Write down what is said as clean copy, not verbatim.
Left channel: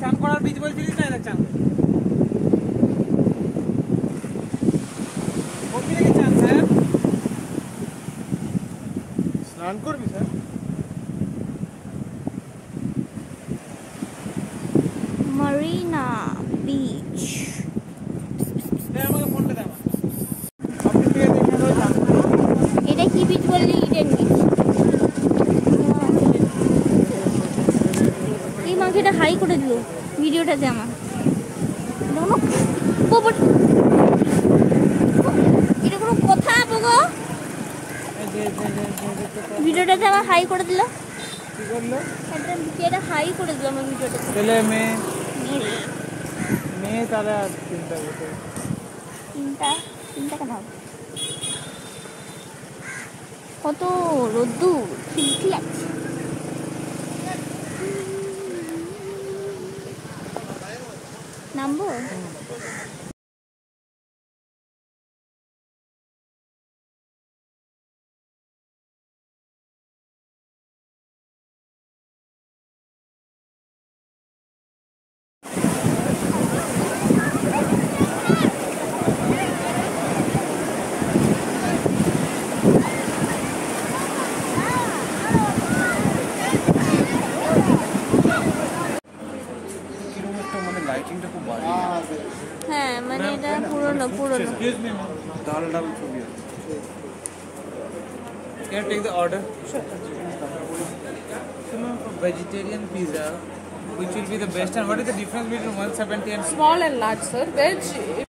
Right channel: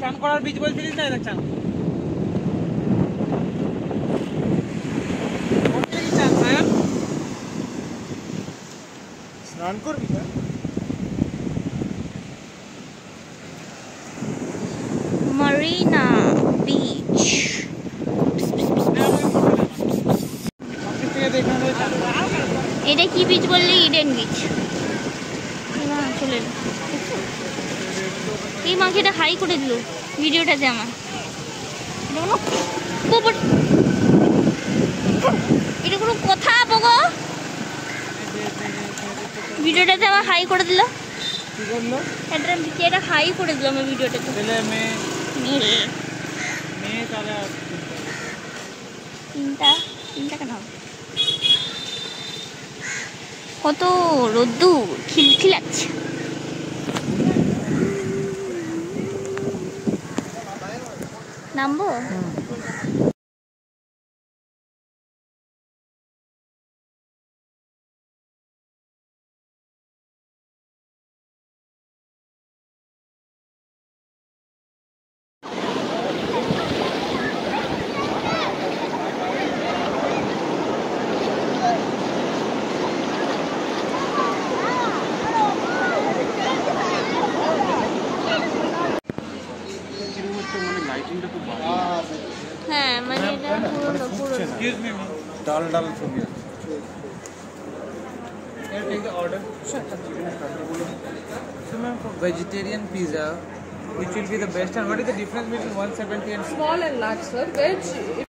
চান করার বীজ বলছিলিস না, দেখ চান করবি নাকি? চান স্যার স্নান করবি স্যার? Marina beach. এটা কি বিচ বললি? Eden beach. এই মাংসটা হাই করে দিল ভিডিওটাতে আমার। এটা কোনো কথা বগো? ভিডিওটাতে আমার হাই করে দিল। কি করলো? এটা হাই করে দিল আমার ভিডিওটাতে। ছেলে মেয়ে মেয়ে তারা তিনটা কেন? কত রোদ্দুর খিলখিলাচ্ছে। নামবো? হ্যাঁ মানে এটা পুরনো। Here, take the order. Sure. So, ma'am, for vegetarian pizza, which will be the best? And what is the difference between 170 and small and large, sir? Veg